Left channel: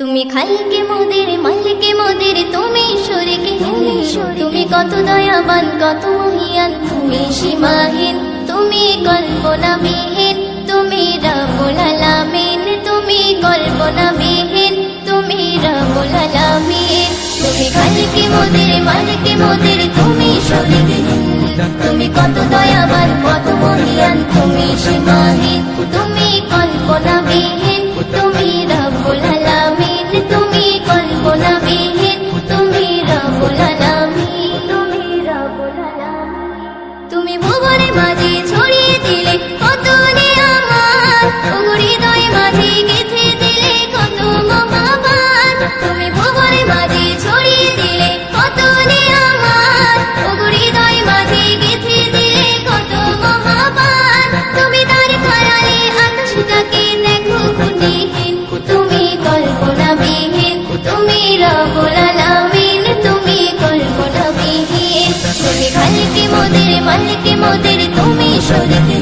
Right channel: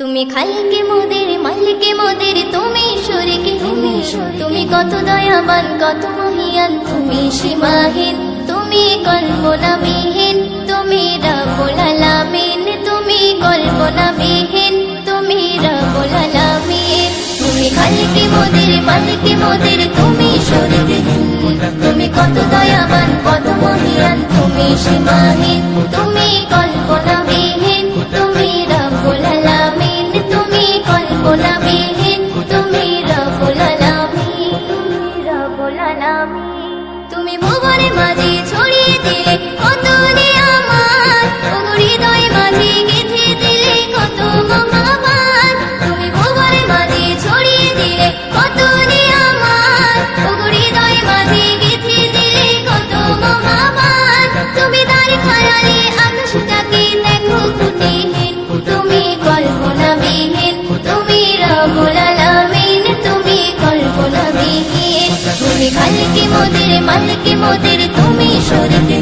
তুমি খালিকে মোদের মালিকে মোদের তুমি শরীকে তুমি কত দয়াবান কত মহিয়ান তুমি সীমাহীন তুমি কল্পনাবিহীন তুমি রব্বুল আলামিন তুমি কল্পনাবিহীন তুমি রব্বুল আলামিন তুমি খালিকে মোদের মালিকে মোদের তুমি শরীকে তুমি কত দয়াবান কত মহিয়ান তুমি সীমাহীন তুমি কল্পনাবিহীন তুমি রব্বুল আলামিন তুমি কল্পনাবিহীন তুমি রব্বুল আলামিন তুমি রব্বুল আলামিন তুমি ভুবনে মাঝে ছড়িয়ে দিলে কত নিয়ামত ওগো হৃদয় মাঝে গেঁথে দিলে কত মহাবান তুমি ভুবনে মাঝে ছড়িয়ে দিলে কত নিয়ামত ওগো হৃদয় মাঝে গেঁথে দিলে কত মহাবান তুমি তার খায়ালে আকাশটাকে দেখো খুঁটিহীন তুমি কল্পনাবিহীন তুমি রব্বুল আলামিন তুমি কল্পনাবিহীন তুমি খালিকে মোদের মালিকে মোদের তুমি শরীকে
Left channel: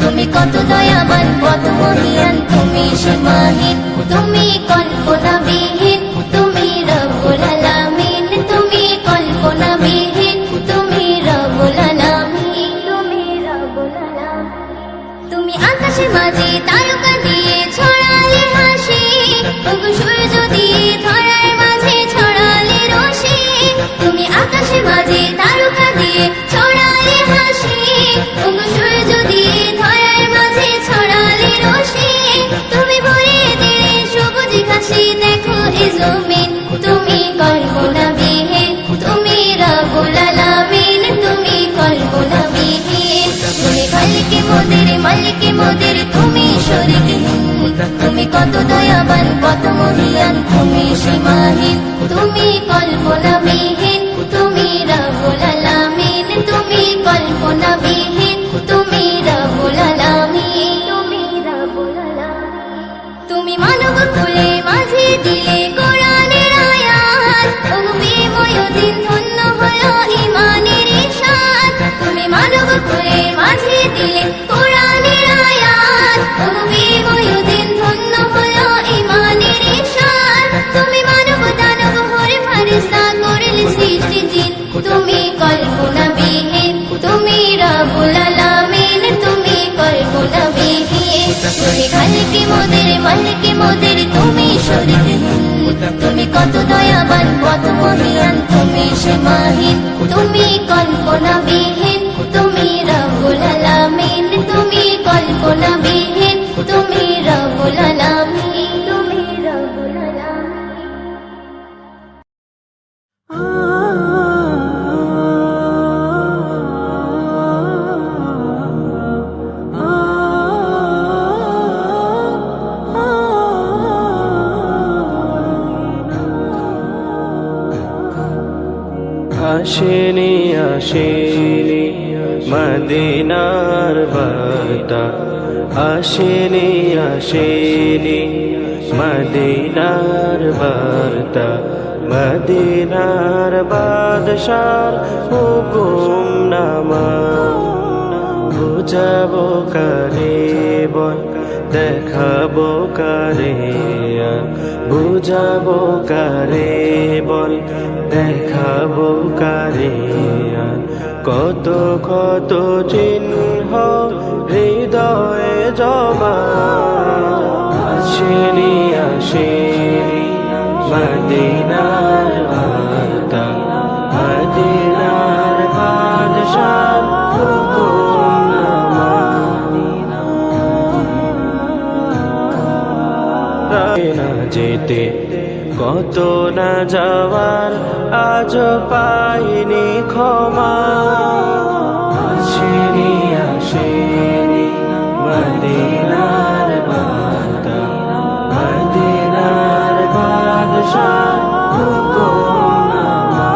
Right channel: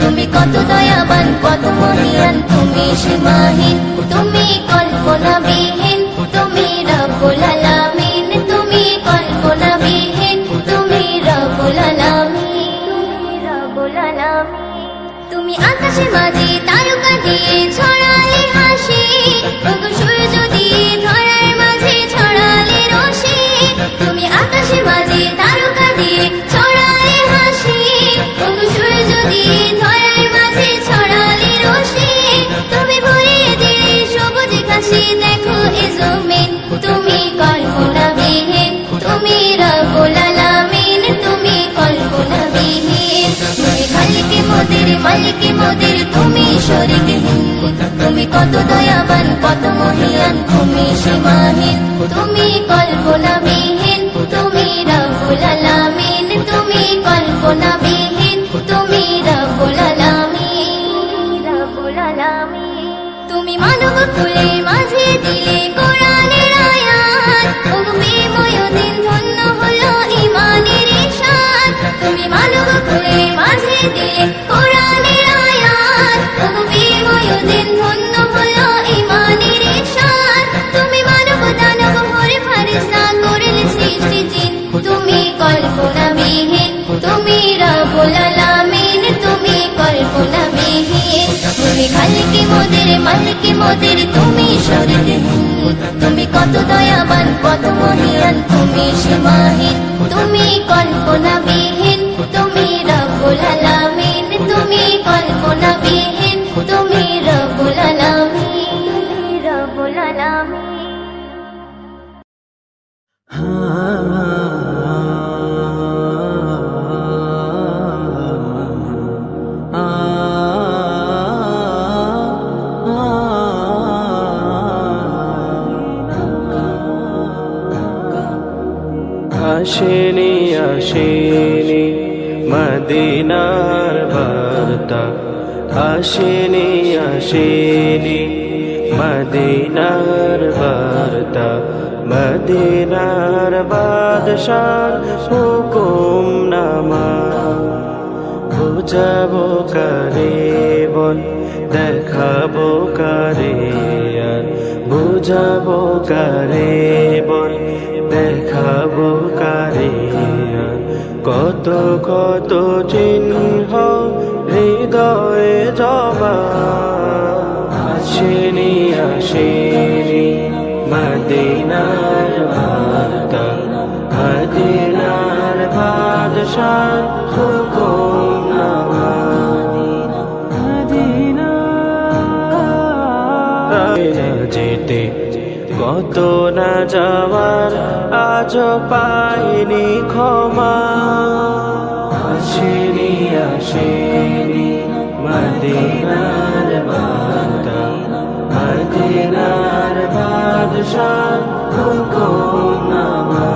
তুমি কত দয়াবান কত মহিয়ান তুমি সীমাহীন তুমি কল্পনাবিহীন তুমি রব্বুল আলামিন তুমি কল্পনাবিহীন তুমি রব্বুল আলামিন তুমি রব্বুল আলামিন তুমি আকাশে মাঝে তারকা দিয়ে ছড়ালে হাসি ওগো সূর্য দিয়ে ধরার মাঝে ছড়ালে রশি তুমি আকাশে মাঝে তারকা দিয়ে ছড়ালে হাসি ওগো সূর্য দিয়ে ধরার মাঝে ছড়ালে রশি তুমি ভরিয়ে দিলে সবুজ ঘাসে দেখো এ জমিন তুমি কল্পনাবিহীন তুমি রব্বুল আলামিন তুমি কল্পনাবিহীন তুমি খালিকে মোদের মালিকে মোদের তুমি শরীকে তুমি কত দয়াবান কত মহিয়ান তুমি সীমাহীন তুমি কল্পনাবিহীন তুমি রব্বুল আলামিন তুমি কল্পনাবিহীন তুমি রব্বুল আলামিন তুমি রব্বুল আলামিন তুমি মানব কুলে মাঝে দিলে কোরআনের আয়াত ওগো প্রেমময় দিন ধন্য হলো ঈমানের ইরশাদ তুমি মানব কুলে মাঝে দিলে কোরআনের আয়াত ওগো প্রেমময় দিন ধন্য হলো ঈমানের ইরশাদ তুমি মানব দানব হরে ফেরেশতা করলে সৃষ্টি জিন তুমি কল্পনাবিহীন তুমি রব্বুল আলামিন তুমি কল্পনাবিহীন তুমি খালিকে মোদের মালিকে মোদের তুমি শরীকে তুমি কত দয়াবান কত মহিয়ান তুমি সীমাহীন তুমি কল্পনাবিহীন তুমি রব্বুল আলামিন তুমি কল্পনাবিহীন তুমি রব্বুল আলামিন তুমি রব্বুল আলামিন আসেনি আসেনি মদিনার বার্তা আসেনি আসেনি মদিনার বার্তা মদিনার বাদশার হুকুম নামা বুঝাবো কারে বল দেখাবো কারে আর বুঝাবো কারে বল দেখাবো কারে আর কত কত চিহ্ন হৃদয়ে জমা আসেনি আসেনি মদিনার বার্তা মদিনার বাদশার হুকুম নামা না যেতে কত না যাওয়ার আজ পাইনি ক্ষমা আসেনি আসেনি মদিনার বার্তা মদিনার বাদশার হুকুম নামা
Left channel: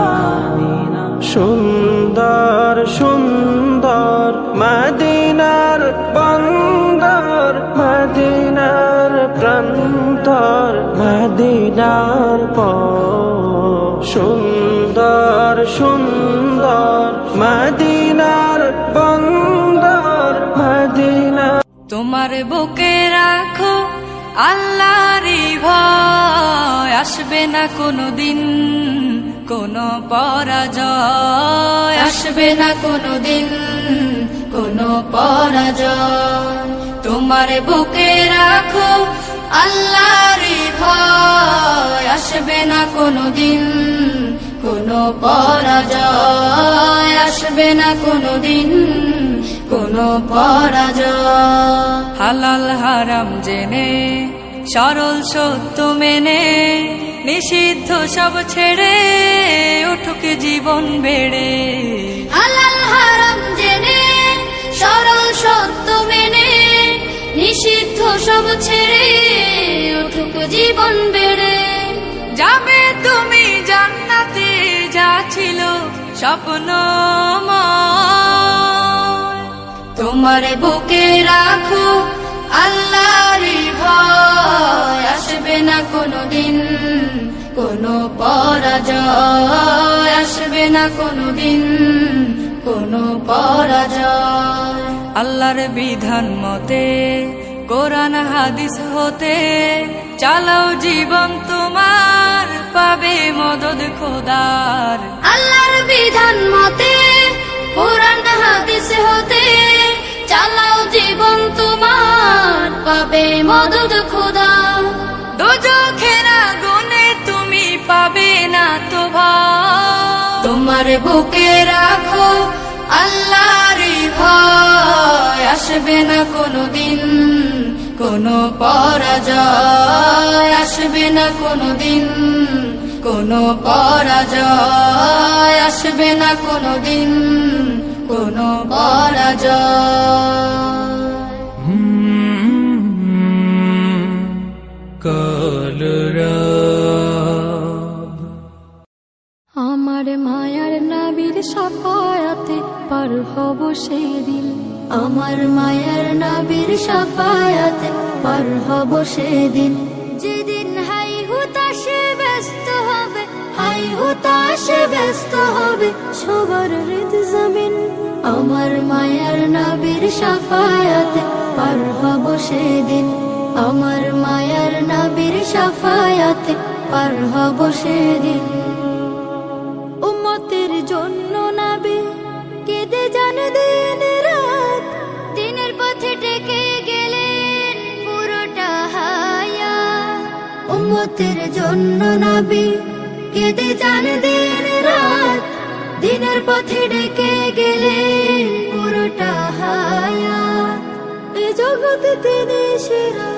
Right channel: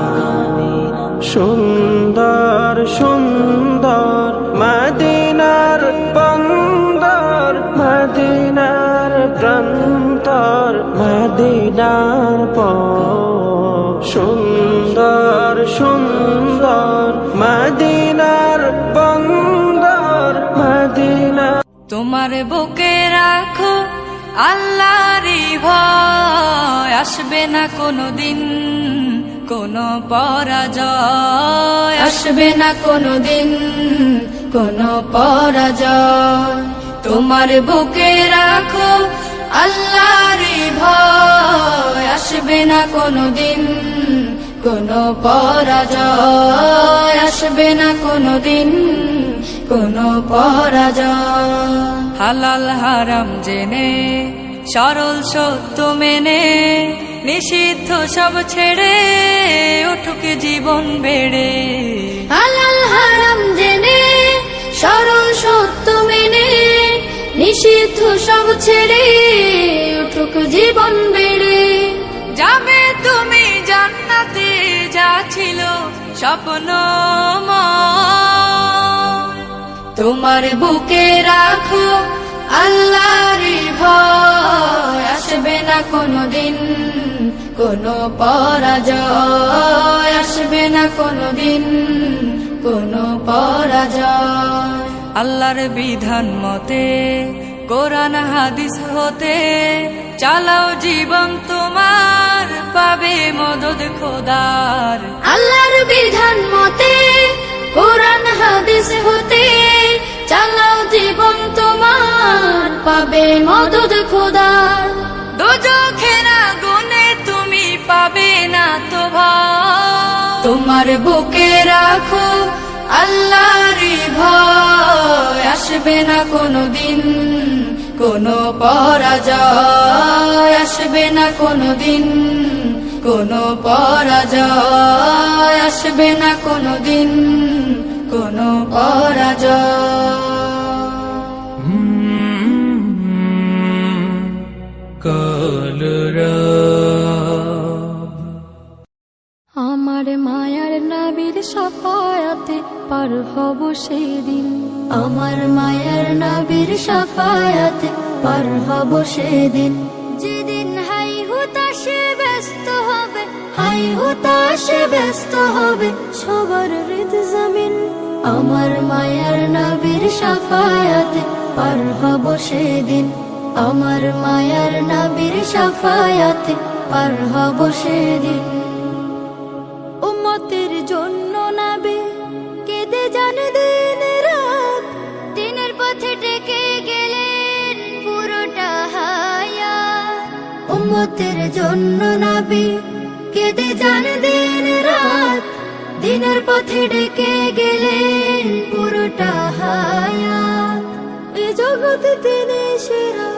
সুন্দর সুন্দর মদিনার বন্দর মদিনার প্রান্তর মদিনার সুন্দর সুন্দর মদিনার বন্দর মদিনা তোমার বুকে রাখো আল্লাহরই ভয়। আসবে না কোনো দিন কোনো পরাজয়, আসবে না কোনো দিন কোনো পরাজয়। তোমার বুকে রাখো আল্লাহর ভয়, আসবে না কোনো দিন কোনো পরাজয়, আসবে না কোনো দিন কোনো পরাজয়। হালাল হারাম জেনে সরল সত্য মেনে নিষিদ্ধ সব ছেড়ে উঠুক জীবন বেড়ে। হালাল হারাম জেনে সরল সত্য মেনে নিষিদ্ধ সব ছেড়ে উঠুক জীবন বেড়ে। যাবে তুমি জান্নাতে যা ছিল স্বপ্নময়, তোমার বুকে রাখো আল্লাহর ভয়, আসবে না কোনো দিন কোনো পরাজয়, আসবে না কোনো দিন কোনো পরাজয়। আল্লাহর বিধান মতে কোরআন হাদিস হতে চালাও জীবন তোমার, পাবে মদদ খোদার। আল্লাহর বিধান মতে কোরআন হাদিস হতে চালাও জীবন তোমার, পাবে মদদ খোদার। দোজখের আগুনে তুমি পাবে না তো ভয়, তোমার বুকে রাখো আল্লাহর ভয়, আসবে না কোনো দিন কোনো পরাজয়, আসবে না কোনো দিন কোনো পরাজয়, আসবে না কোনো দিন কোনো পরাজয়। কলরব আমার মায়ার নবীর শাফায়াতে পার হব সেদিন, আমার মায়ার নবীর শাফায়াতে পার হব সেদিন। যেদিন হাই হুতাশে ব্যস্ত হবে, হাই হুতাশে ব্যস্ত হবে সবার হৃদ জমিন। আমার মায়ার নবীর শাফায়াতে পার হব সেদিন, আমার মায়ার নবীর শাফায়াতে পার হব সেদিন। উম্মতের জন্য নবী কেঁদে যান দিন রাত, দিনের পথে টেকে গেলেন পুরোটা হায়াত। উম্মতের জন্য নবী কেঁদে যান দিন রাত, দিনের পথে ডেকে গেলেন পুরোটা হায়াত। এ জগতে তিনি সেরা,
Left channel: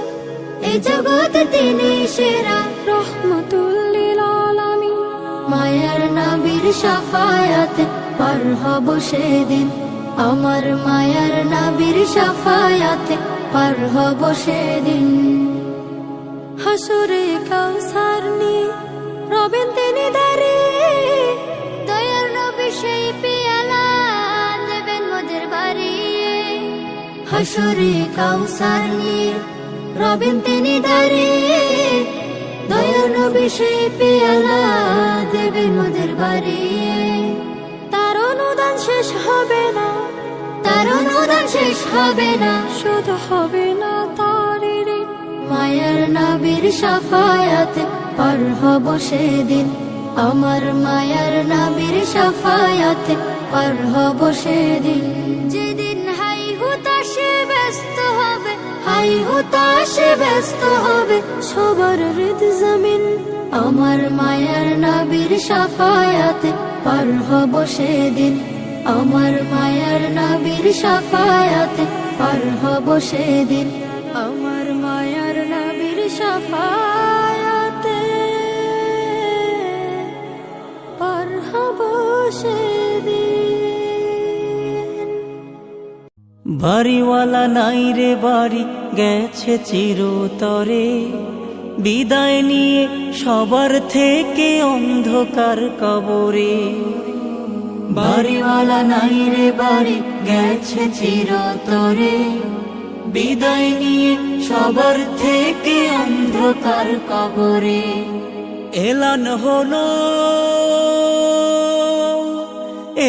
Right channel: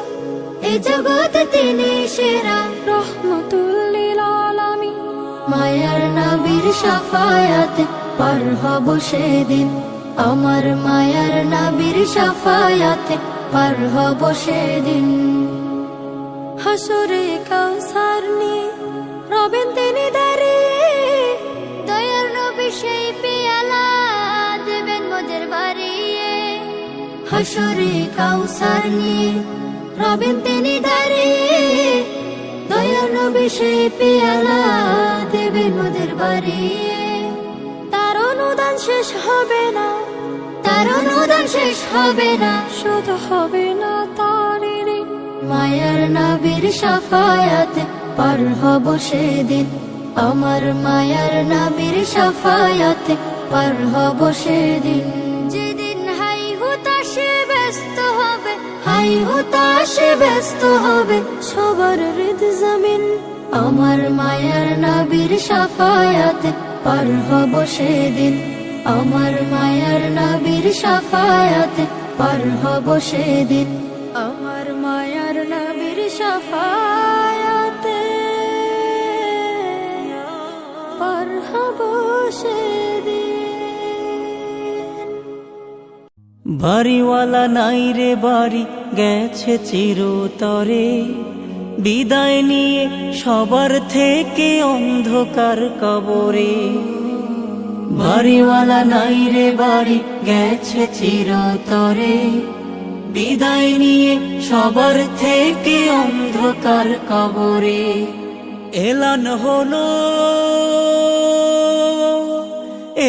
এ জগতে তিনি সেরা, রহমাতুল লিল আলামিন। মায়ার নবীর শাফায়াতে পার হব সেদিন, আমার মায়ার নবীর শাফায়াতে পার হব সেদিন। হাসরে কাউসার নিয়ে রবেন তিনি দাঁড়িয়ে, দয়ার নবী সেই পেয়ালা দেবেন মোদের বাড়িয়ে। হাসরে কাউসার নিয়ে রবেন তিনি দাঁড়িয়ে, দয়ার নবী সেই পেয়ালা দেবেন মোদের বাড়িয়ে। তার অনুদান শেষ হবে না, তার অনুদান শেষ হবে না, শুধু হবে না তার ঋণ। মায়ার নবীর শাফায়াতে পার হব সেদিন, আমার মায়ার নবীর শাফায়াতে পার হব সেদিন। যেদিন হাই হুতাশে ব্যস্ত হবে, হাই হুতাশে ব্যস্ত হবে সবার হৃদ জমিন। আমার মায়ার নবীর শাফায়াতে পার হব সেদিন, আমার মায়ার নবীর শাফায়াতে পার হব সেদিন, আমার মায়ার নবীর শাফায়াতে পার হব সেদিন। বাড়িওয়ালা নাই রে বাড়ি গেছে চিরতরে, বিদায় নিয়ে সবার থেকে অন্ধকার কবরে। বাড়িওয়ালা নাই রে বাড়ি গেছে চিরতরে, বিদায় নিয়ে সবার থেকে অন্ধকার কবরে। এলান হলো,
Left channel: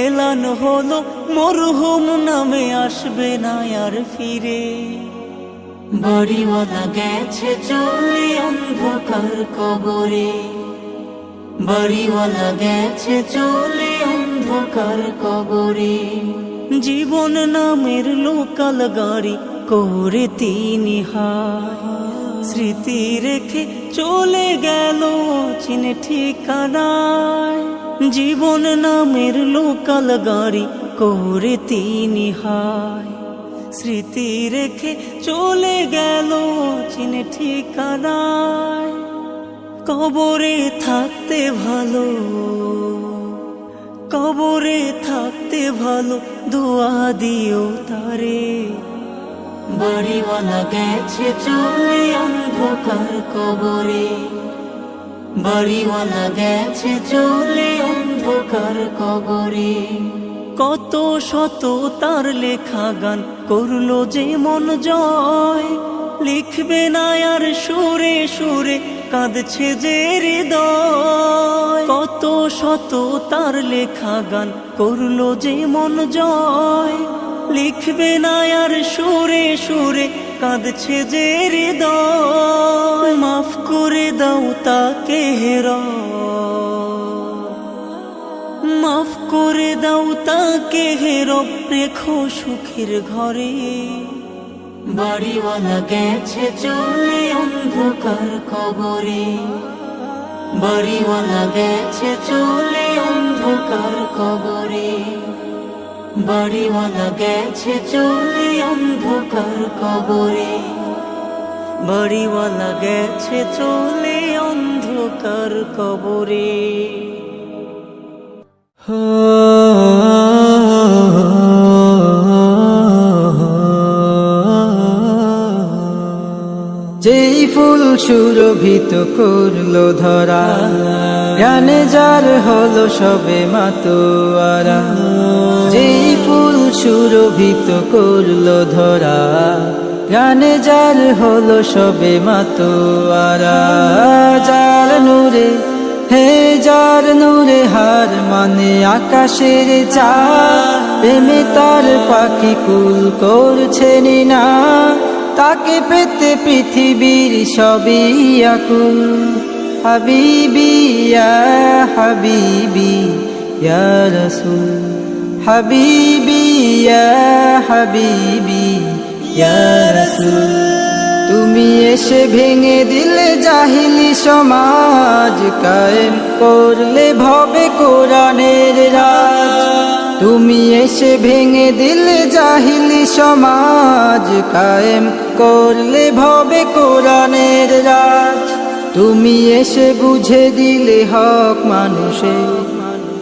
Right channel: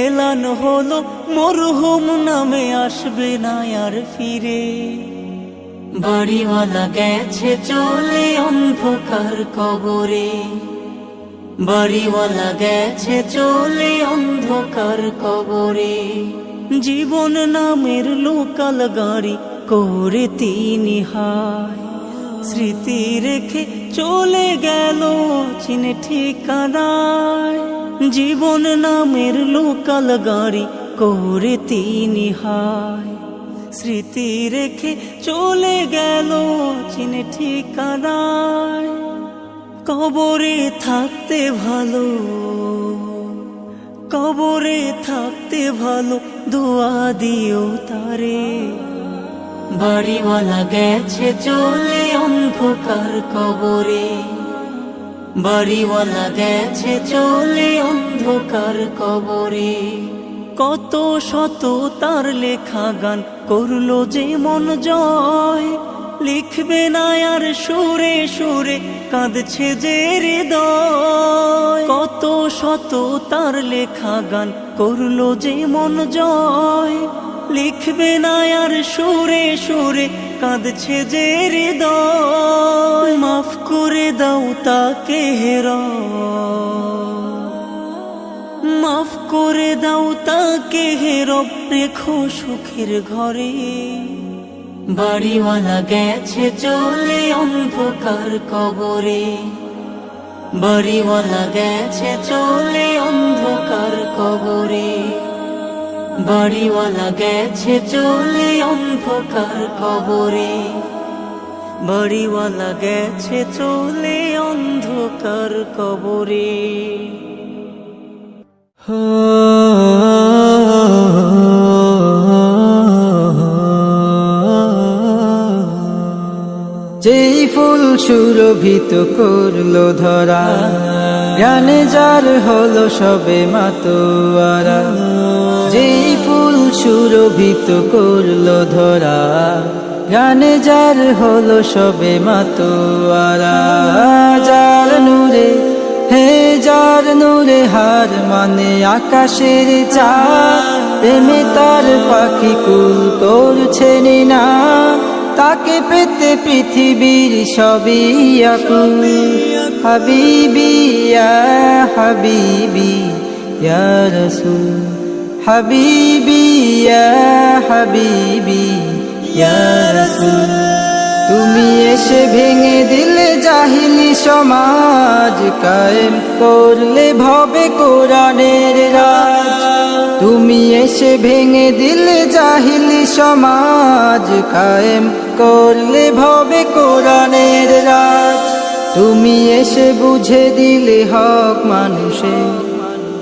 এলান হলো মরহুম নামে আসবে না আর ফিরে। বাড়িওয়ালা গেছে চলে অন্ধকার কবরে, বাড়িওয়ালা গেছে চলে অন্ধকার কবরে। জীবন নামের লোকাল গাড়ি করে তিনি হায়, স্মৃতি রেখে চলে গেল অচিন ঠিকানায়। জীবন নামের লোকাল গাড়ি করে তিনি হায়, স্মৃতি রেখে চলে গেল অচিন ঠিকানায়। কবরে থাকতে ভালো, কবরে থাকতে ভালো দোয়া দিও তারে, বাড়িওয়ালা গেছে চলে অন্ধকার কবরে, বাড়িওয়ালা গেছে চলে অন্ধকার কবরে। কত শত তার লেখা গান করলো যে মন জয়, লিখবে না আর সুরে সুরে কাঁদছে যে হৃদয়। কত শত তার লেখা গান করলো যে মন জয়, লিখবে না আর সুরে সুরে কাঁদছে যে হৃদয়। মাফ করে দাও তাকে হেরা, মাফ করে দাও তাকে হেরব রেখো সুখের ঘরে, বাড়িওয়ালা গেছে চলে অন্ধকার কবরে, বাড়িওয়ালা গেছে চলে অন্ধকার কবরে, বাড়িওয়ালা গেছে চলে অন্ধকার কবরে, বাড়িওয়ালা গেছে চলে অন্ধকার কবরে। যেই ফুল সুরভিত করলো ধরা, জ্ঞানে যার হলো সবে মাতোয়ারা। যেই ফুল সুরভিত করলো ধরা, জ্ঞানে যার হলো সবে মাতোয়ারা। যার নূরে হে যার নূরে হার মানে আকাশের চাঁদ, প্রেমে তার পাখি কুল করছে না, তাকে পেতে পৃথিবীর সবই আকুল। হাবিবি ইয়া হাবিবি ইয়া রাসূল, হাবিবি ইয়া হাবিবি ইয়া রাসূল। তুমি এসে ভেঙে দিলে জাহিলি সমাজ, কায়েম করলে ভবে কোরআনের রাজ। তুমি এসে ভেঙে দিলে জাহিলি সমাজ, কায়েম করলে ভবে কোরআনের রাজ। তুমি এসে বুঝে দিলে হক মানুষের,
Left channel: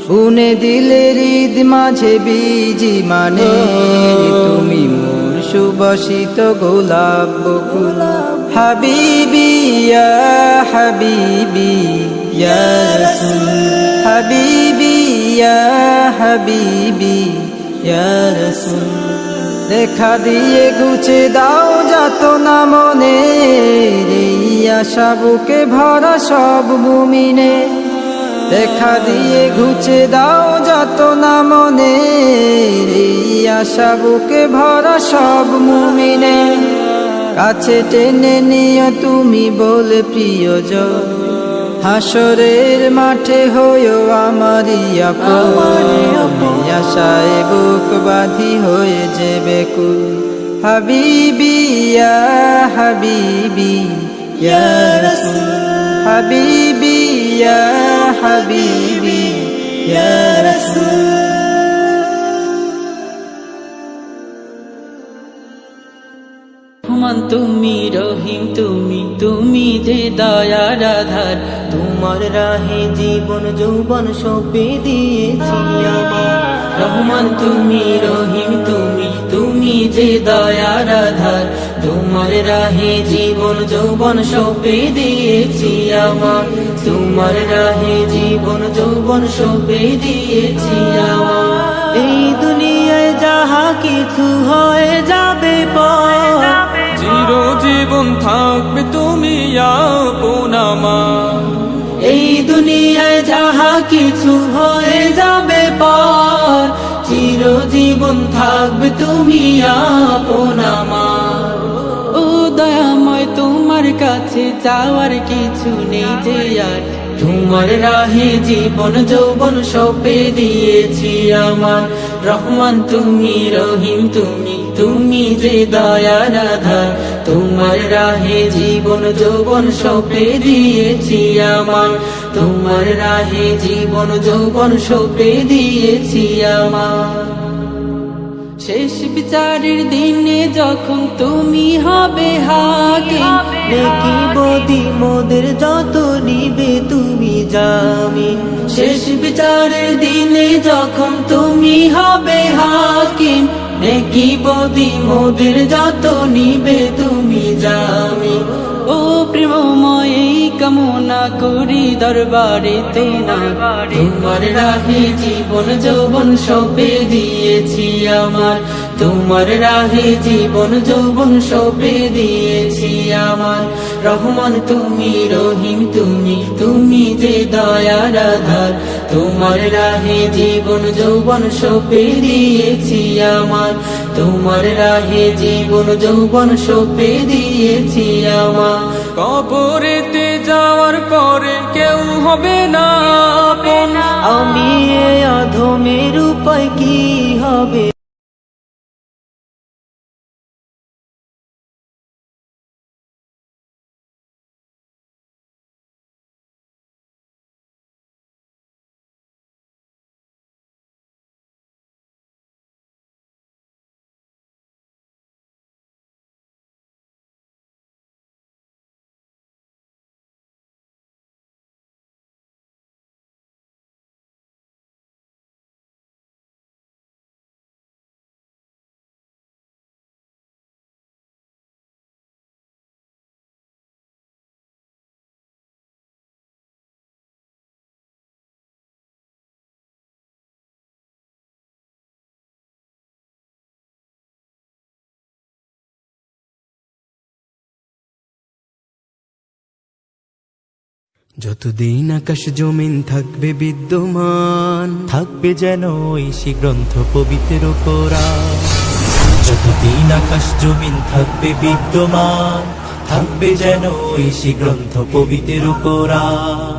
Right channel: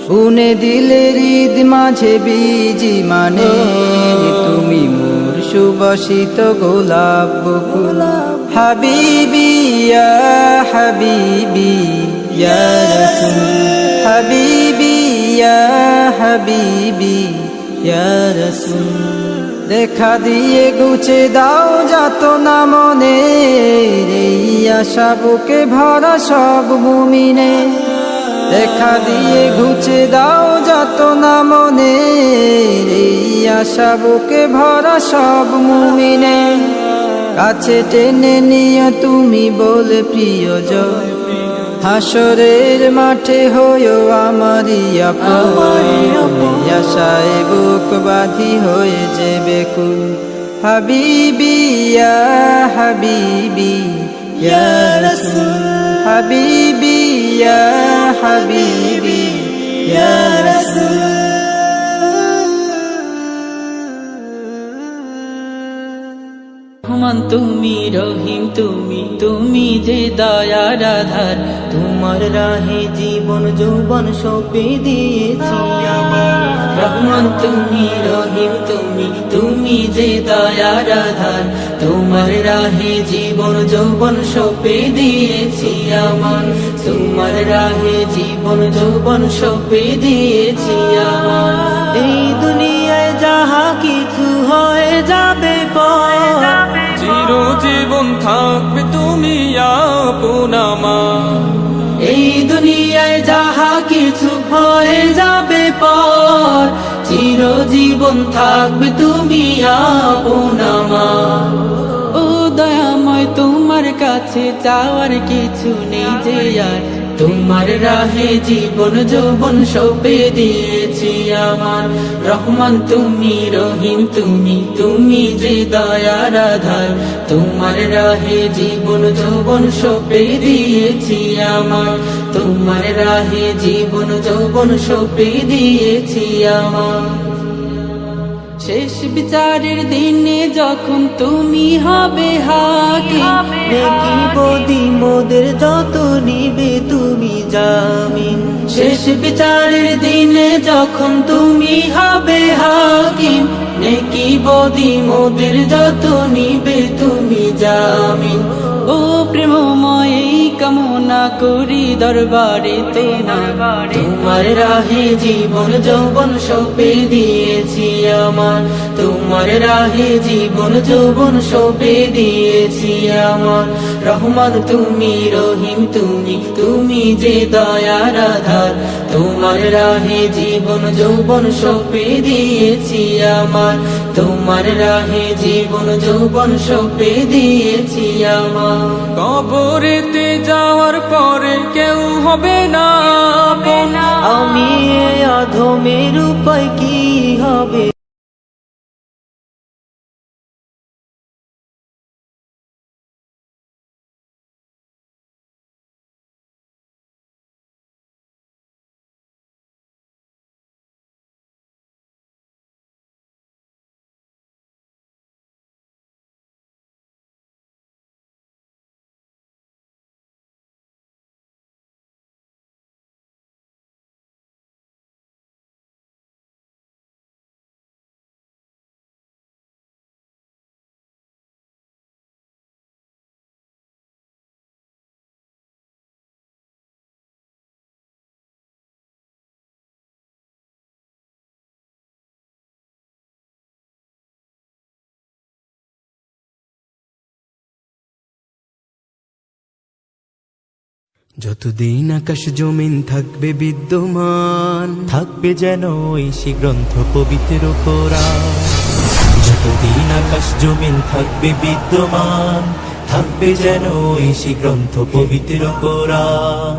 বুনে দিলে হৃদ মাঝে বীজি মানে। তুমি মোর সুবাসিত গোলাপ বকুল, হাবিবি ইয়া হাবিবি ইয়া রাসূল, হাবিবি ইয়া হাবিবি ইয়া রাসূল। দেখা দিয়ে গুছে দাও যাতনা মনে, এই আশা বুকে ভরা সব মুমিনে। দেখা দিয়ে ঘুচে দাও যাতনা মনে, এই আশা বুকে ভরা সব মুমিনে। কাছে টেনে নিও তুমি বলে প্রিয়জন, হাসরের মাঠে হইও আমারই আপন। আশায় বুক বাঁধি হয়ে যে বেকুল, হাবিবি ইয়া হাবিবি ইয়া রাসূল, হাবিবি ইয়া হাবিবি ইয়া রাসূল। রহমান তুমি রহিম তুমি, তুমি যে দয়ার আধার। তোমার রাহে জীবন যৌবন সঁপে দিয়েছি আমার। রহমান তুমি রহিম তুমি, তুমি যে দয়ার আধার। তোমার রাহে জীবন যৌবন সঁপে দিয়েছি আমার। তোমার রাহে জীবন যৌবন সঁপে দিয়েছি আমার। এই দুনিয়ায় যাহা কিছু হয়ে যাবে পর, চিরজীবন থাকবে তুমি আপন আমার। এই দুনিয়ায় যাহা কিছু হয়ে যাবে পর, চিরজীবন থাকবে তুমি আপন আমার। ও দয়াময় তোমার কাছে চাওয়ার কিছু নেই যে আর, তোমার রাহে জীবন যৌবন সঁপে দিয়েছি আমার। রহমান তুমি, রহিম তুমি, তুমি যে দয়ার আধার, তোমার রাহে জীবন যৌবন সঁপে দিয়েছি আমার। তোমার রাহে জীবন যৌবন সঁপে দিয়েছি আমার। শেষ বিচারের দিনে যখন তুমি হবে হাকিম, নেকি বদি মোদের যত নিবে তুমি জামিন। শেষ বিচারের দিনে যখন তুমি হবে হাকিম, নেকি বদি মোদের যত নিবে তুমি জামিন। ও প্রেমময় এই কামনা করি দরবারে তোমার, তোমার রাহে জীবন যৌবন সঁপে দিয়েছি আমার। তোমার রাহে জীবন যৌবন সঁপে দিয়েছি আমার। রহমান তুমি, রহিম তুমি, তুমি যে দয়ার আধার, তোমার রাহে জীবন যৌবন সঁপে দিয়েছি আমার। তোমার রাহে জীবন যৌবন সঁপে দিয়েছি আমার। কবরেতে যাওয়ার পরে কেউ হবে না আপন, আমি এ অধমের উপায় কি হবে? যতদিন আকাশ জমিন থাকবে বিদ্যমান, থাকবে যেন ঐশী গ্রন্থ পবিত্র কোরআন। যতদিন আকাশ জমিন থাকবে বিদ্যমান, থাকবে যেন ঐশী গ্রন্থ পবিত্র কোরআন।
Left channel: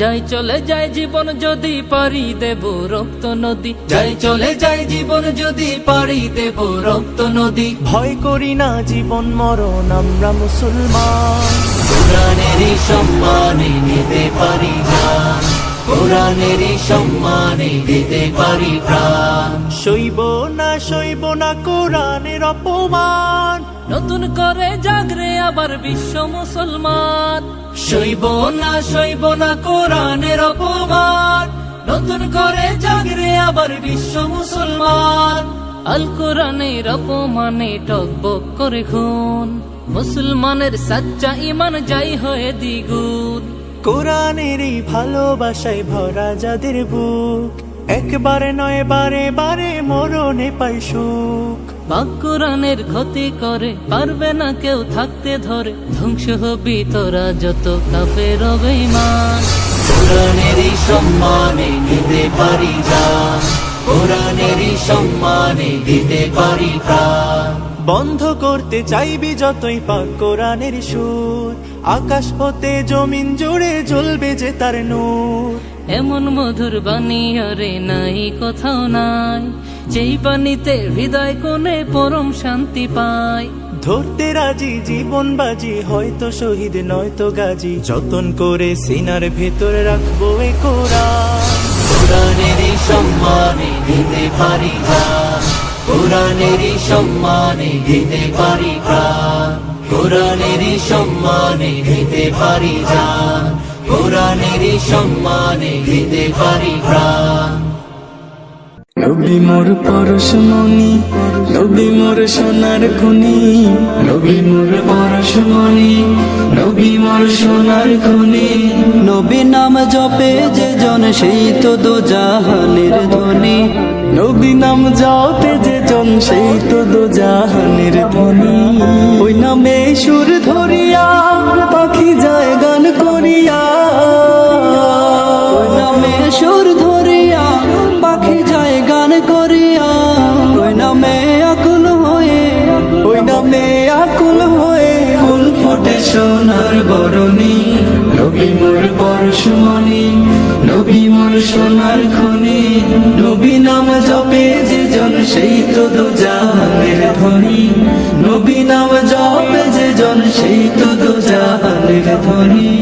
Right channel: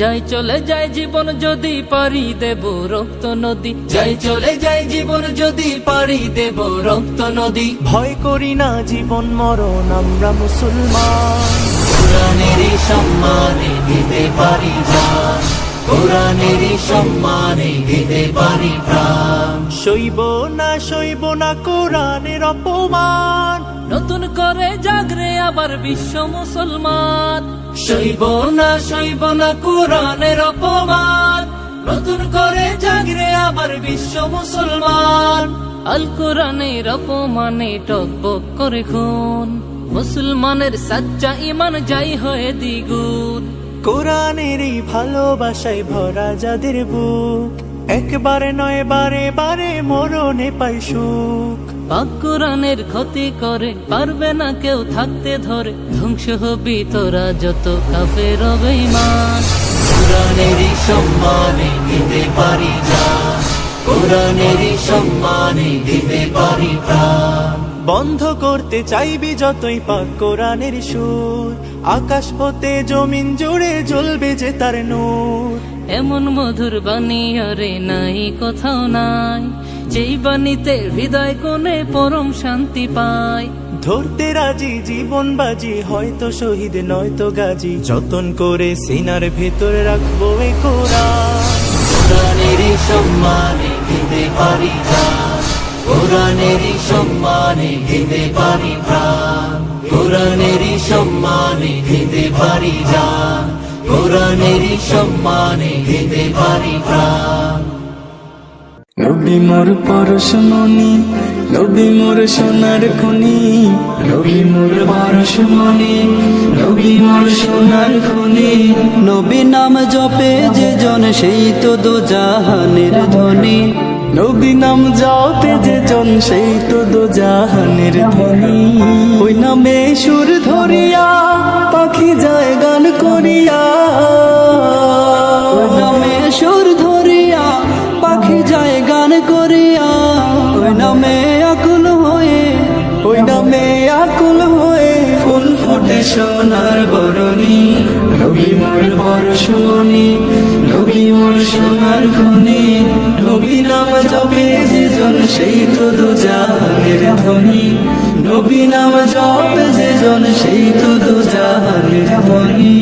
যাই চলে যায় জীবন যদি পারি দেব রক্ত নদী, যাই চলে যায় জীবন যদি পারি দেব রক্ত নদী। ভয় করি না জীবন মরণ, আমরা মুসলমান। কোরআনেরই সম্মানে দিতে পারি জান, কোরআনেরই সম্মানে দিতে পারি প্রাণ। সইব না কোরআনের অপমান, নতুন করে জাগরে আবার বিশ্ব মুসলমান। সইব না কোরআনের অপমান, নতুন করে জাগরে আবার বিশ্ব মুসলমান। আল কোরআনের অপমানে টকবক করে খুন, মুসলমানের সাচ্চা ইমান যাই হয়ে দ্বিগুণ। কোরআনেরই ভালোবাসায় ভরা যাদের বুক, একবারে নয় বারে বারে মরণে পাই সুখ। পাক কোরআনের ক্ষতি করে পারবে না কেউ থাকতে ধরে, ধ্বংস হবি তোরা যত কাফের বেঈমান। কোরআনেরই সম্মানে দিতে পারি জান, কোরআনেরই সম্মানে দিতে পারি প্রাণ। বন্ধ করতে চাইবি যতই পাক কোরআনের সুর, আকাশ হতে জমিন জুড়ে জ্বলবে যে তার নূর। এমন মধুর বাণী আরে নাই কোথাও নাই, যেই বাণীতে হৃদয় কোণে পরম শান্তি পায়। ধরতে রাজি জীবন বাজি, হয়তো শহীদ নয়তো গাজী, যতন করে সিনার ভেতর রাখবো এ কোরআন। কোরআনেরই সম্মানে দিতে পারি জান, কোরআনেরই সম্মানে দিতে পারি প্রাণ। কোরআনেরই সম্মানে দিতে পারি জান, কোরআনেরই সম্মানে দিতে পারি প্রাণ। নবী মোর পরশমণি, নবী মোর সোনার খনি, নবী মোর পরশমণি, নবী মোর সোনার খনি। নবী নাম জপে যে জন সেই তো দো জাহানের ধ্বনি, নবী নাম জপে যে জন সেই তো দো জাহানের ধ্বনি। ওই নামে সুর ধরিয়া পাখি যায় গান করিয়া, ওই নামে সুর ধরিয়া পাখি যায় গান করিয়া। ওই নামে আকুল হয়ে, ওই নামে আকুল হয়ে পরশমণি নবী মোর সোনার খনি নবী নাম জপে যে জন সেই তো দোজাহানের ধ্বনি নবী নাম জপে যে জন সেই তো দোজাহানের ধ্বনি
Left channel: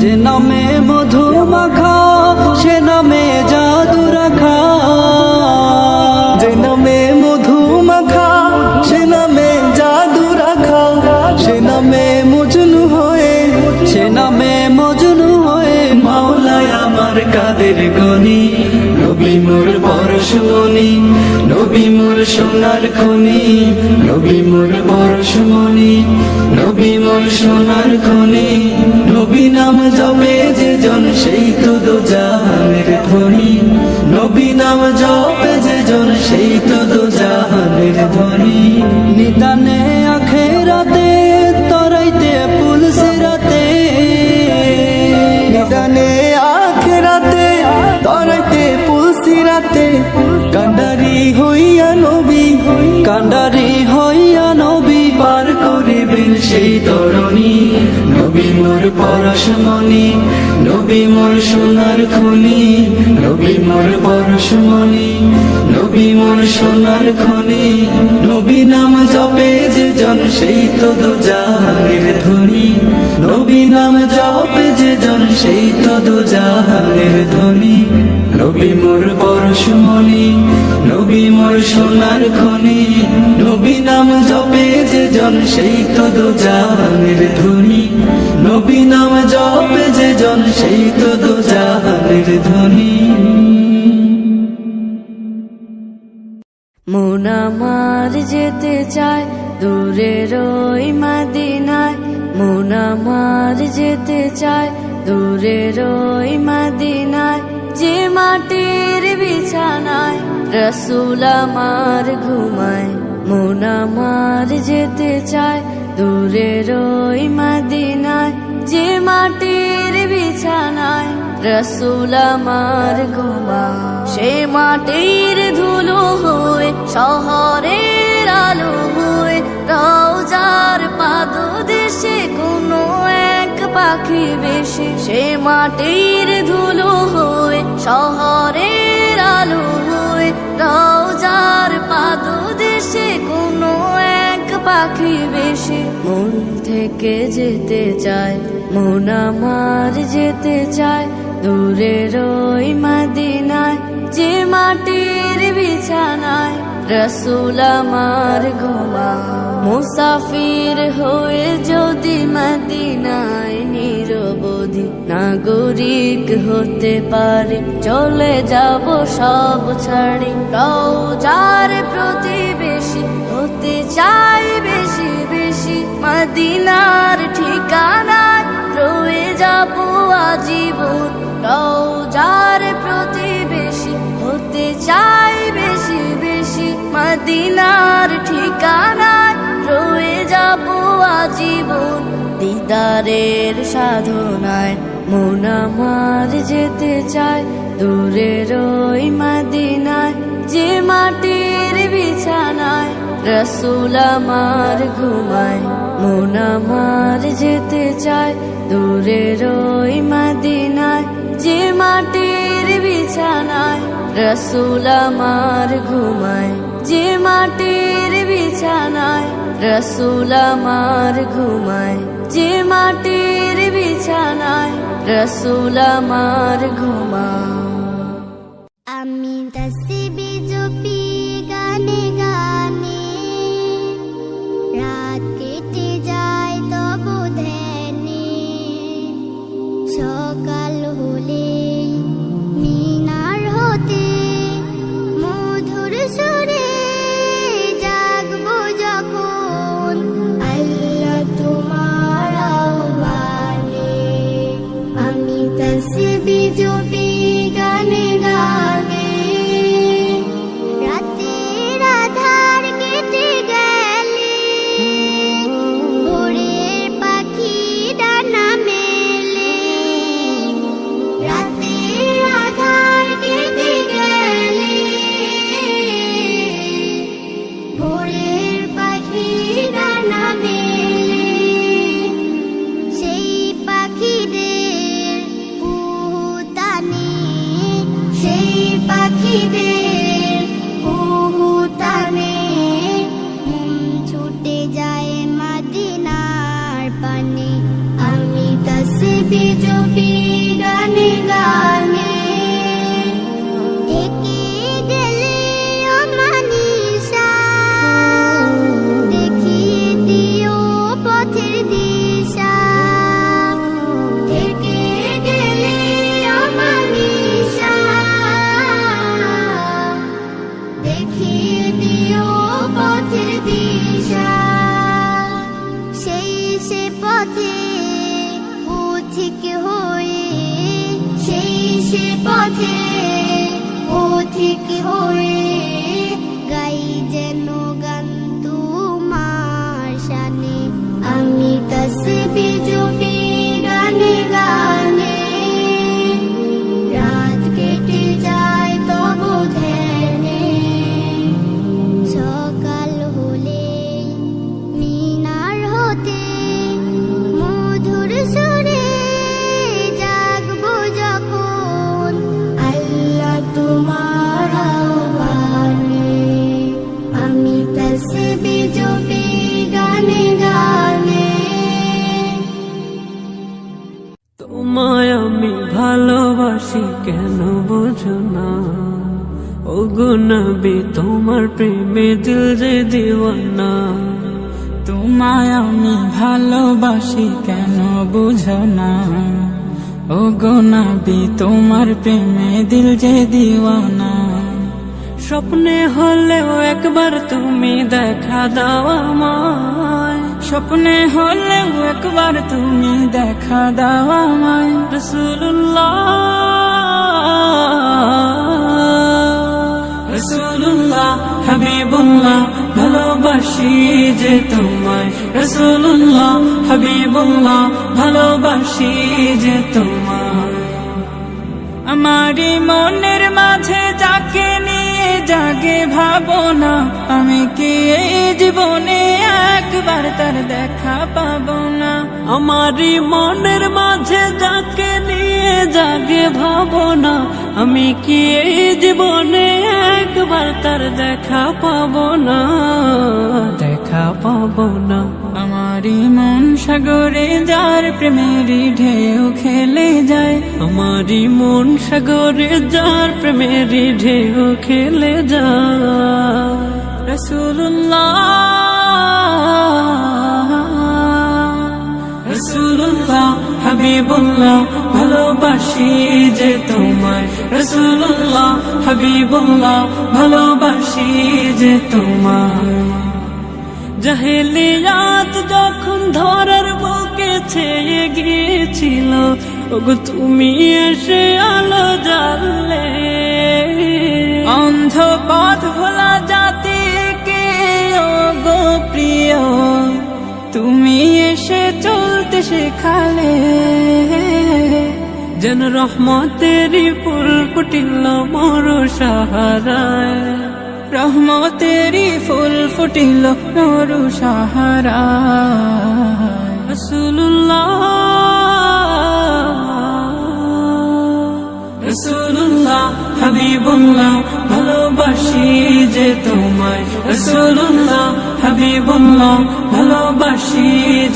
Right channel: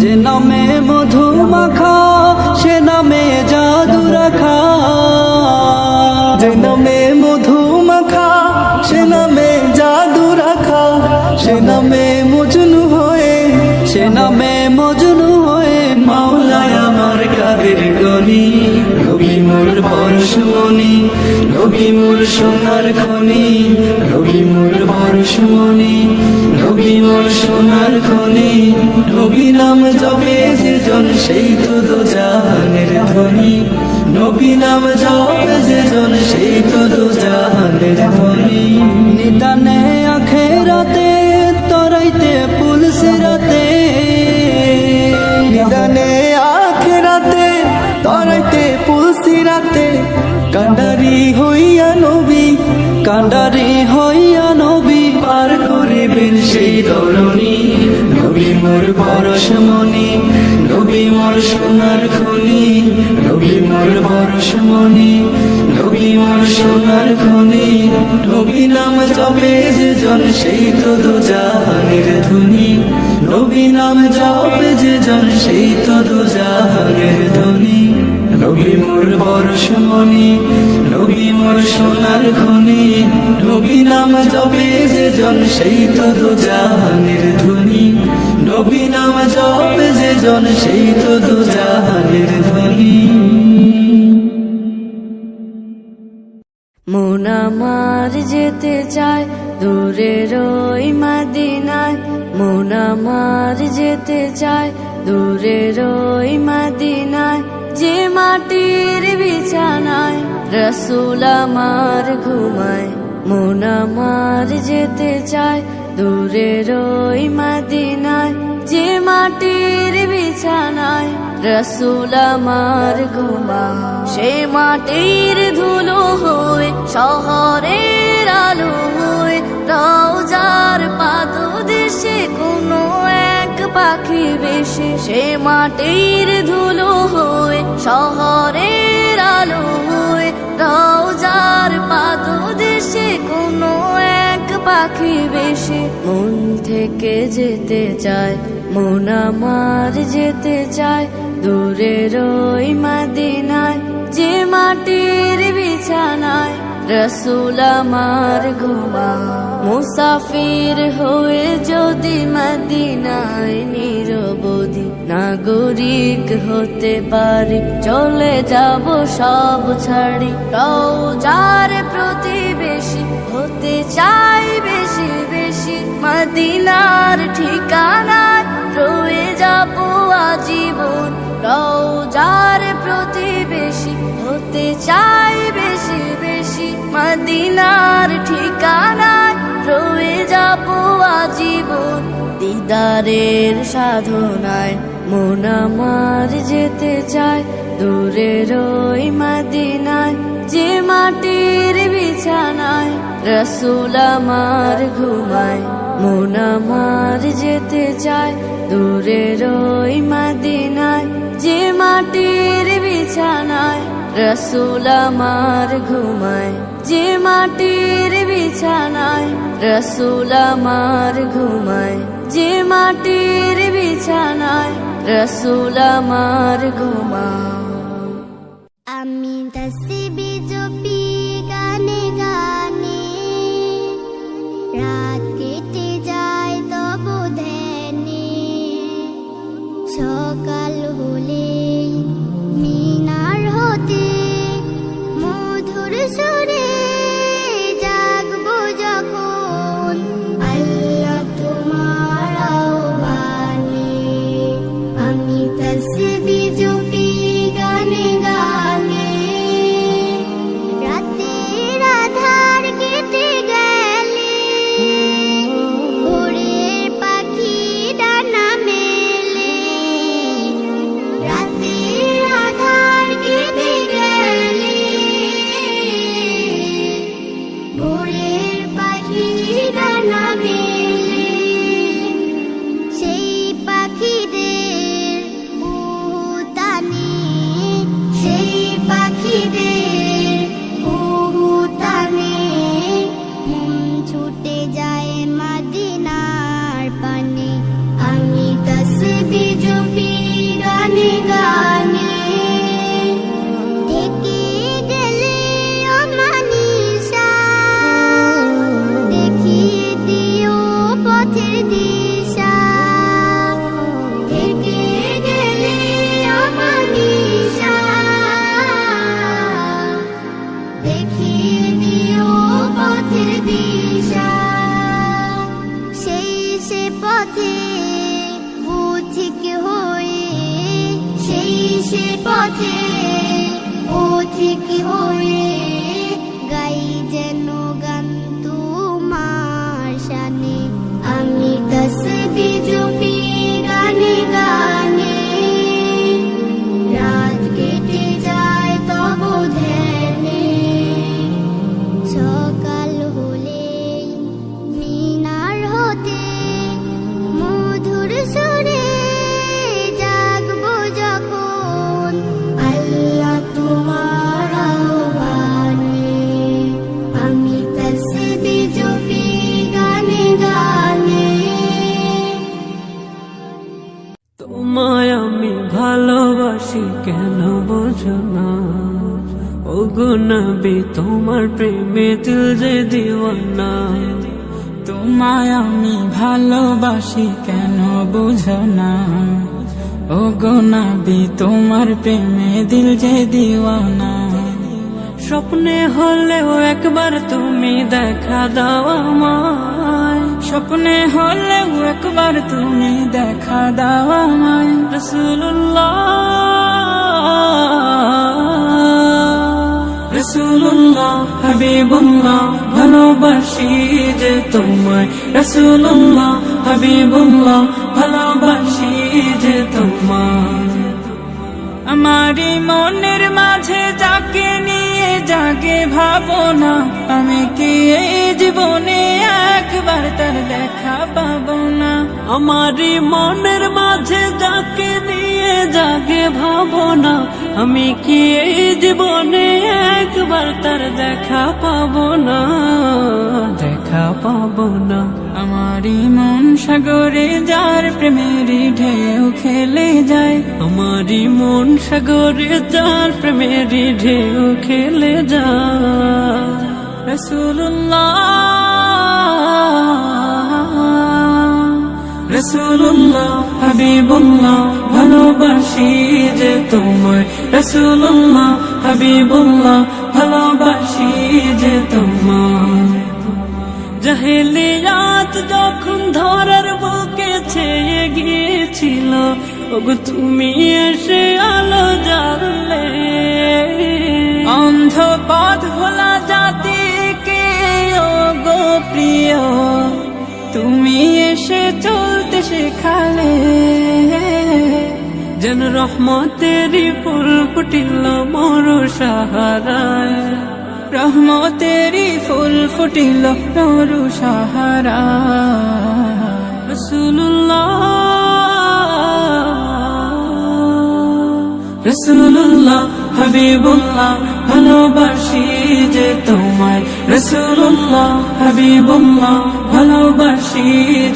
যে নামে মধু মাখা সে নামে জাদু রাখা যে নামে মধু মাখা সে নামে জাদু রাখা সে নামে মজনু হয়ে সে নামে মজনু হয়ে মাওলায় আমার কাদের গনি নবী মোর পরশমণি নবী মোর সোনার খনি নবী মোর পরশমণি নবী মোর সোনার খনি নবী নাম জপে যে জন সেই তো দোজাহানের ধ্বনি নবী নাম জপে যে জন সেই তো দোজাহানের ধ্বনি নিদানে আখেরাতে তরাইতে পুলসিরাতে নিদানে আখেরাতে তরাইতে পুলসিরাতে কান্ডারি হইয়া নবী কান্ডারি হইয়া নবী পার করিবেন সেই ধরণী নবী মোর পরশমণি নবী মোর সোনার খনি নবী মোর পরশমণি নবী মোর সোনার খনি নবী নাম জপে যে জন সেই তো দোজাহানের ধ্বনি নবী নাম জপে যে জন সেই তো দোজাহানের ধ্বনি নবী মোর পরশমণি নবী মোর সোনার খনি নবী নাম জপে যে জন সেই তো দোজাহানের ধ্বনি নবী নাম জপে যে জন সেই তো দোজাহানের ধ্বনি মন আমার যেতে চায় দূরের ওই মদিনায় মন আমার যেতে চায় দূরের ওই মদিনায় যে মাটির বিছানায় রসুল আমার ঘুমায় মন আমার যেতে চায় দূরের ওই মদিনায় যে মাটির বিছানায় রসুল আমার ঘুমায় সে মাটির ধুলো হয়ে শহরের আলো হয়ে রওজার পাদদেশে কোনো এক পাখি বেশে সে মাটির ধুলো হয়ে শহরের আলো হয়ে রওজার পাদদেশে কোনো এক পাখি বেশে মন থেকে যেতে চায় মন আমার যেতে চায় দূরের ওই মদিনায় যে মাটির বিছানায় রসুল আমার ঘুমায় মুসাফির হয়ে যদি মদিনায় নিরবধি নাগরিক হতে পারি চলে যাব সব ছাড়ি রওজার প্রতিবেশী হতে চাই বেশি বেশি মদিনার ঠিকানায় রয়ে যাব আজীবন রওজার প্রতিবেশী হতে চাই বেশি বেশি মদিনার ঠিকানায় রয়ে যাব আজীবন দিদারের সাধনায় মন আমার যেতে চায় দূরের ওই মদিনায় যে মাটির বিছানায় রসুল আমার ঘুমায় মন আমার যেতে চায় দূরের ওই মদিনায় যে মাটির বিছানায় রসুল আমার ঘুমায় যে মাটির বিছানায় রসুল আমার ঘুমায় যে মাটির বিছানায় রসুল আমার ঘুমায় আমি তসবি জপি গানে গানে রাত কেটে যায় তব ধ্যানে সকাল হলে মিনার হতে মধুর সুরে জাগবো যখন আল্লাহ তোমার আহ্বানে আমি তসবি জপি গানে গানে রাতের আধার কেটে গেলে ভোরের পাখি ডানা মেলে রাতের আধার কেটে গেলে ভোরের পাখি ডানা মেলে সেই পাখিদের খিদের কুহুতানে মন ছুটে যায় মদিনার পানে আমি তাসবিহ জপি গানে গানে থেকে গেলে অমানিসা দেখিয়ে দিও পথের দিশা থেকে গেলে অমানিসা দেখিয়ে দিও পথের দিশা সেই সে পথে পথিক হয়ে সেই সে পথে পথিক হয়ে গাই যেন গান তোমার শানে আমি তাসবিহ জপি গানে গানে রাত কেটে যায় তব ধ্যানে সকাল হলে মিনার হতে মধুর সুরে জাগবো যখন আল্লাহ তোমার আহ্বানে আমি তাসবিহ জপি গানে গানে তোমায় আমি ভালোবাসি কেন বোঝো না ওগো নবী তোমার প্রেমে দিল যে দিওয়ানা তোমায় আমি ভালোবাসি কেন বুঝো না ও গো নবী তোমার প্রেমে দিল যে দিওয়ানা স্বপ্নে হলেও একবার তুমি দেখা দাও আমায় স্বপ্নে হলেও একবার তুমি দেখা দাও আমায় রাসূলুল্লাহ রাসূলুল্লাহ হাবিবুল্লাহ ভালোবাসি যে তোমায় রাসূলুল্লাহ হাবিবুল্লাহ ভালোবাসি যে তোমায় আমারি মনের মাঝে যাকে নিয়ে জাগে ভাবনা আমি কি এই জীবনে একবার তার দেখা পাবো না আমারি মনের মাঝে যাকে নিয়ে জাগে ভাবনা আমি কি এই জীবনে একবার তার দেখা পাবো না দেখা পাবো না আমারি মন সাগরে যার প্রেমেরই ঢেউ খেলে যায় আমারি মন সাগরে যার প্রেমেরই ঢেউ খেলে যায় রাসূলুল্লাহ রাসূলুল্লাহ হাবিবুল্লাহ ভালোবাসি যে তোমায় রাসূলুল্লাহ হাবিবুল্লাহ ভালোবাসি যে তোমায় জাহেলিয়াত যখন ধরার বুকে ছেয়ে গিয়েছিল ওগো তুমি এসে আলো জ্বাললে অন্ধ পথ ভোলা জাতিকে ওগো প্রিয় তুমি এসে চলতে শেখালে যেন রহমতেরই ফুল ফুটিল মোর সাহারায় রহমতেরই ফুল ফুটিল নরু সাহারা রাসূলুল্লাহ রাসূলুল্লাহ হাবিবুল্লাহ ভালোবাসি যে তোমায় রাসূলুল্লাহ হাবিবুল্লাহ ভালোবাসি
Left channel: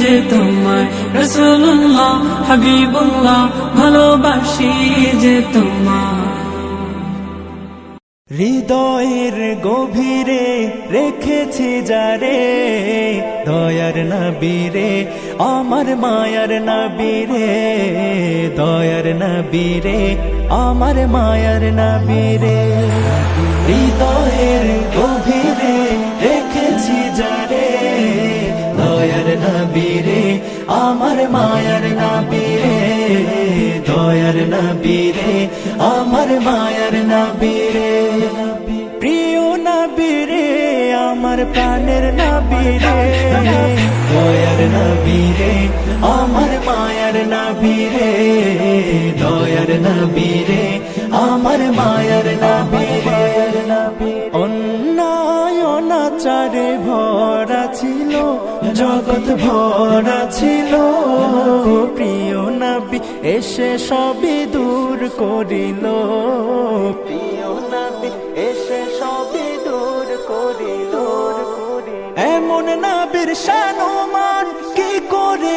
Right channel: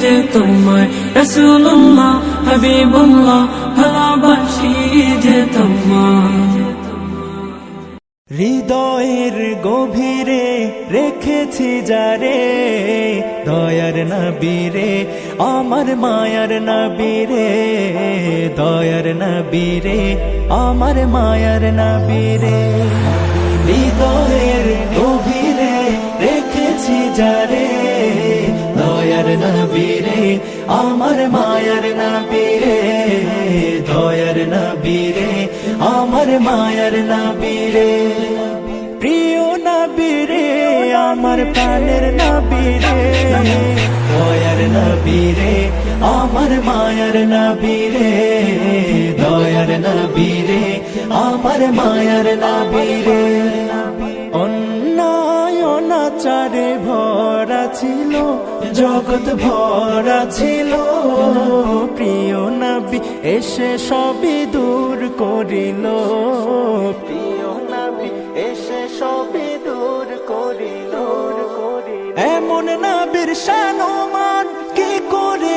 যে তোমায় রাসূলুল্লাহ হাবিবুল্লাহ ভালোবাসি যে তোমায় হৃদয়ের গভীরে রেখেছি যারে দয়ার নবীরে আমার মায়ার নবীরে দয়ার নবীরে আমার মায়ার নবীরে হৃদয়ের গভীরে রেখেছি যারে দয়ার নবীরে আমার মায়ার নবীরে দয়ার নবীরে আমার মায়ার নবীরে প্রিয় নবীরে আমার প্রাণের নবীরে দয়ার নবীরে আমার মায়ার নবীরে দয়ার নবীরে আমার মায়ার নবীরে অন্যায় অনাচারে ভরা ছিল জগৎ ভরা ছিল প্রিয় নবী এসে সবই দূর করিল প্রিয় নবী এসে সবই দূর করিল এমন নবীর শান মান কি করে